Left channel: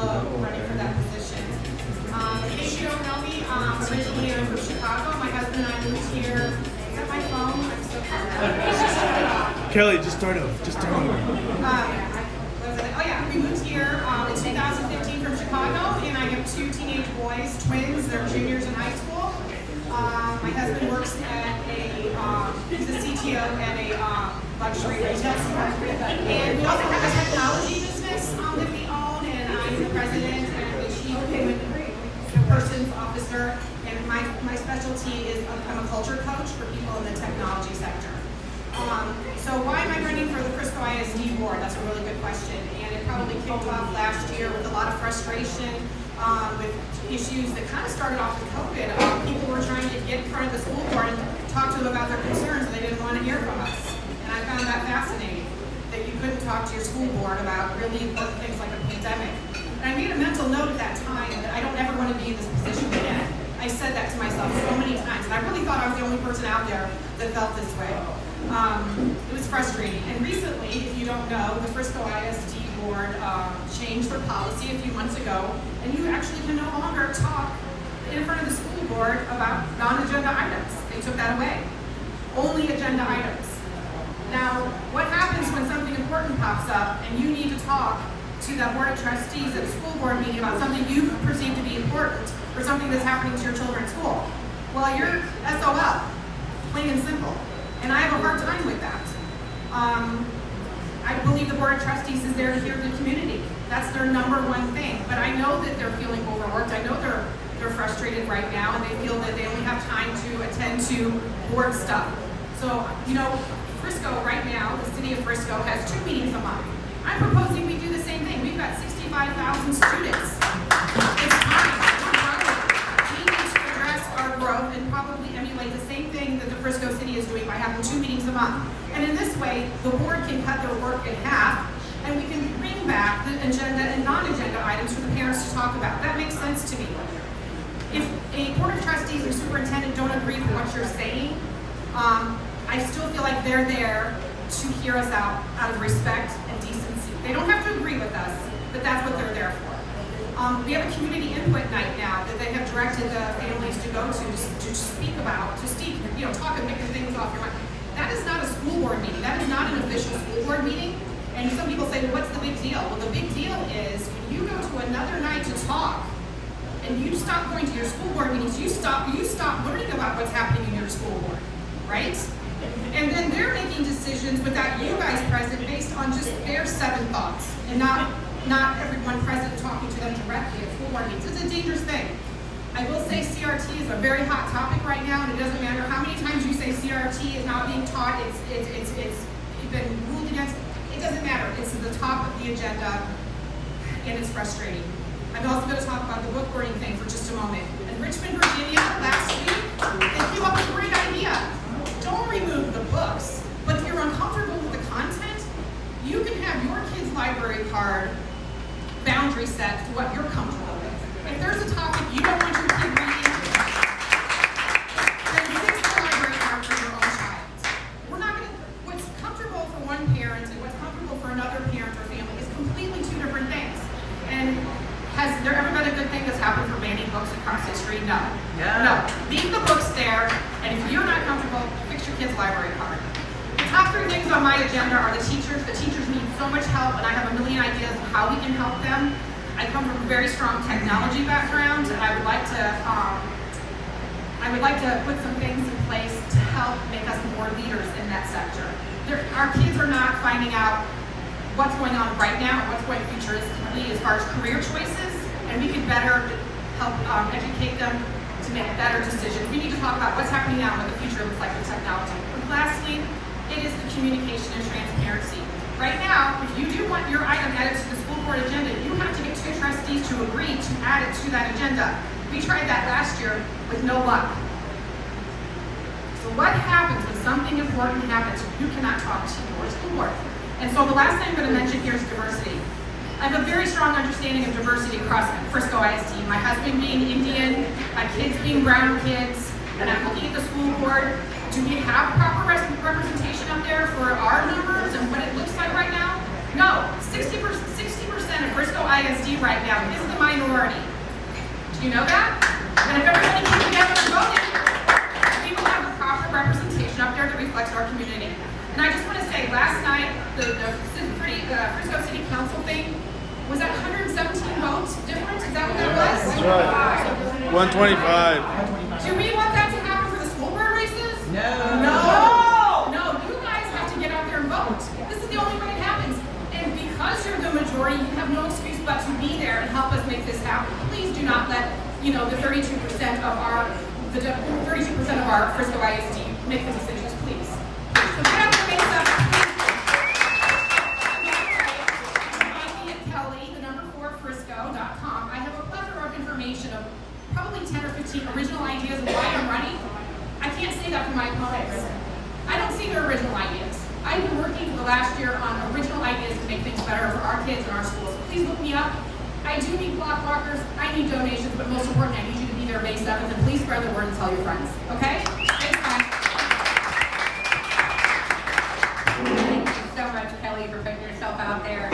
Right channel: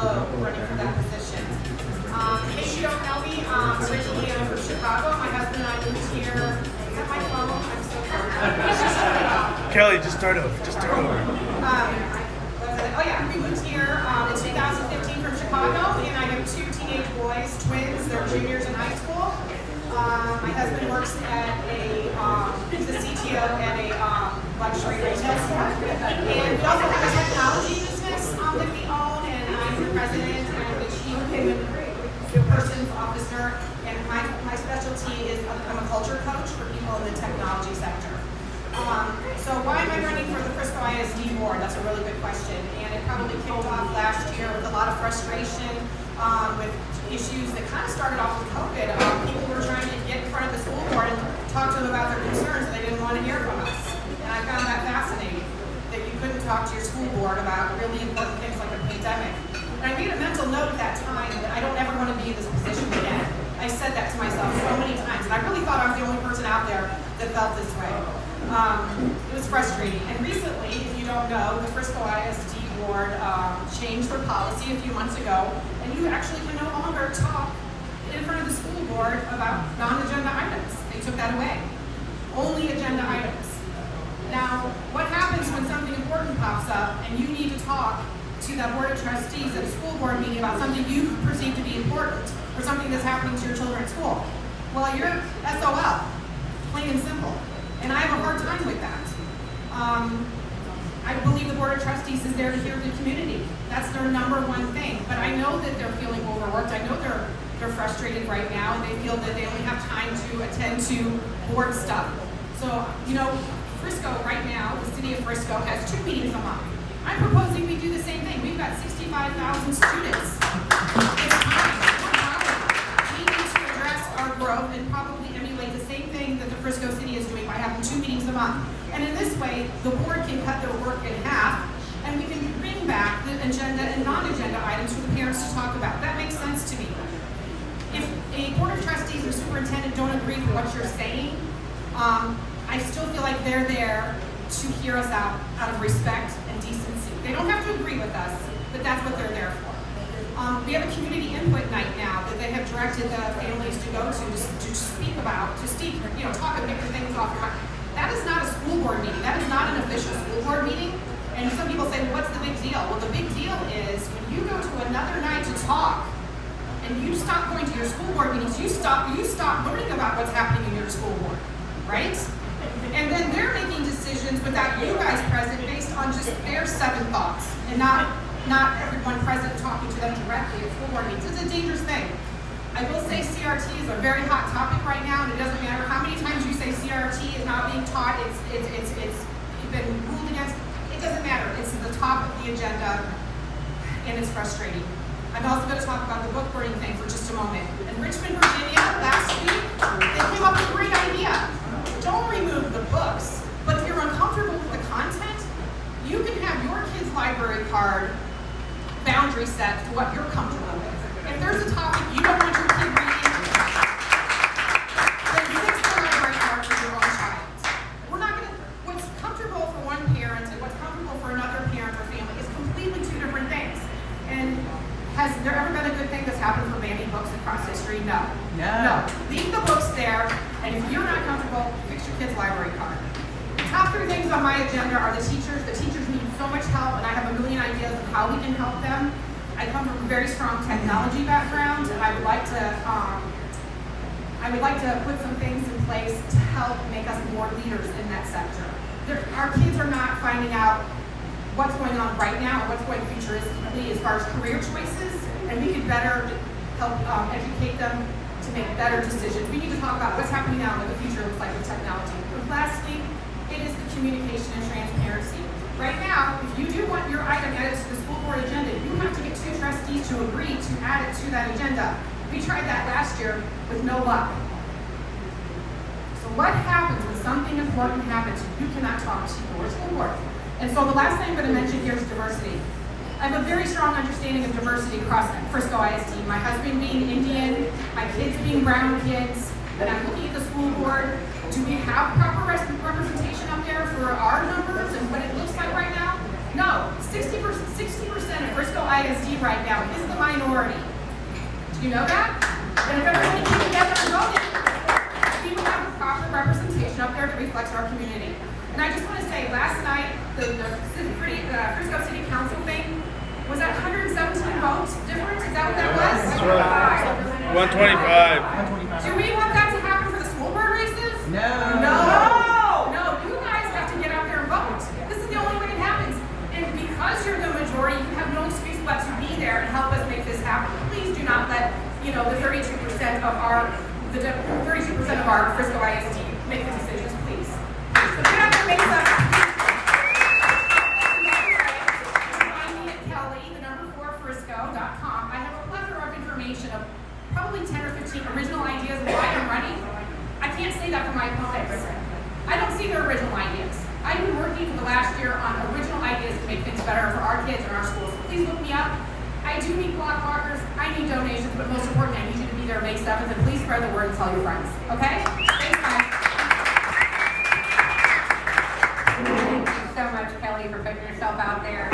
globe running for that position. In case you don't know me, originally I'm from Chicago. My husband and I moved here. Is that my phone? I'm so sorry. Kelly, just start over. Oh yeah, we moved here in 2015 from Chicago, and I have two teenage boys, twins. They're juniors in high school. My husband works at he's the CTO at a luxury retail store. And we also have a technology business that we own, and I'm the president and the chief human persons officer. And my specialty is I'm a culture coach for people in the technology sector. So why am I running for the Frisco ISD board? That's a really good question. And it probably kicked off last year with a lot of frustration with issues that kind of started off with COVID. People were trying to get in front of the school board and talk to them about their concerns, and they didn't want to hear from us. And I found that fascinating, that you couldn't talk to your school board about really important things like a pandemic. And I made a mental note at that time that I don't ever want to be in this position again. I said that to myself so many times, and I really thought I was the only person out there that felt this way. It was frustrating. And recently, if you don't know, the Frisco ISD board changed their policy a few months ago, and you actually can no longer talk in front of the school board about non-agenda items. They took that away. Only agenda items. Now, what happens when something important pops up and you need to talk to that board of trustees at a school board meeting about something you perceive to be important or something that's happening to your children at school? Well, you're SOL, plain and simple. And I have a hard time with that. I believe the Board of Trustees is there to hear the community. That's their number one thing. But I know that they're feeling overworked. I know they're frustrated right now, and they feel that they only have time to attend to board stuff. So, Frisco right now, the city of Frisco, has 2 meetings a month. I'm proposing we do the same thing. We've got 65,000 students. It's time. We need to address our growth and probably emulate the same thing that the Frisco city is doing by having 2 meetings a month. And in this way, the board can cut their work in half, and we can bring back the agenda and non-agenda items for the parents to talk about. That makes sense to me. If a board of trustees or superintendent don't agree with what you're saying, I still feel like they're there to hear us out of respect and decency. They don't have to agree with us, but that's what they're there for. We have a community input night now that they have directed the families to go to speak about, talk and pick the things off your mind. That is not a school board meeting. That is not an official school board meeting. And some people say, well, what's the big deal? Well, the big deal is when you go to another night to talk, and you stop going to your school board meetings, you stop learning about what's happening in your school board, right? And then they're making decisions without you guys present based on just their 7 thoughts, and not everyone present talking to them directly at school board meetings. It's a dangerous thing. I will say CRT is a very hot topic right now, and it doesn't matter how many times you say CRT is not being taught, it's been ruled against. It doesn't matter. It's at the top of the agenda, and it's frustrating. I'm also going to talk about the book burning thing for just a moment. In Richmond, Virginia, last week, they came up with a great idea. Don't remove the books, but if you're uncomfortable with the content, you can have your kid's library card boundary set to what you're comfortable with. If there's a topic you don't want your kid reading, then fix the library card for your own child. What's comfortable for one parent and what's comfortable for another parent or family is completely 2 different things. And has there ever been a good thing that's happened for banning books across the street? No. No. Leave the books there, and if you're not comfortable, fix your kid's library card. The top 3 things on my agenda are the teachers. The teachers need so much help, and I have a million ideas of how we can help them. I come from a very strong technology background, and I would like to put some things in place to help make us more leaders in that sector. Our kids are not finding out what's going on right now, what's going futuristically as far as career choices, and we could better help educate them to make better decisions. We need to talk about what's happening now and what the future looks like with technology. And lastly, it is the communication and transparency. Right now, if you do want your item added to the school board agenda, you have to get 2 trustees to agree to add it to that agenda. We tried that last year with no luck. So what happens when something important happens and you cannot talk to your school board? And so the last thing I'm going to mention here is diversity. I have a very strong understanding of diversity across Frisco ISD. My husband being Indian, my kids being brown kids, and I'm looking at the school board. Do we have proper representation up there for our numbers and what it looks like right now? No, 60% of Frisco ISD right now is the minority. Do you know that? But if everybody came together and voted, we would have a proper representation up there that reflects our community. And I just want to say, last night, the Frisco City Council thing was that 117 votes difference? Is that what that was? That's right. 125. Do we want that to happen for the school board races? No. No, you guys have to get out there and vote. This is the only way it happens. And because you're the majority, you have no excuse but to be there and help us make this happen. Please do not let, the 32% of our Frisco ISD make the decisions, please. So get out there and make stuff happen. Frisco.com. I have a plethora of information of probably 10 or 15 original ideas of why I'm running. I can't say that for my opponents. I don't see their original ideas. I've been working for the last year on original ideas to make things better for our kids and our schools. So please look me up. I do need block walkers, I need donations, but most importantly, I need you to be there May 7th, and please spread the word and tell your friends. Okay? Thanks, guys. Thank you so much, Kelly, for putting yourself out there.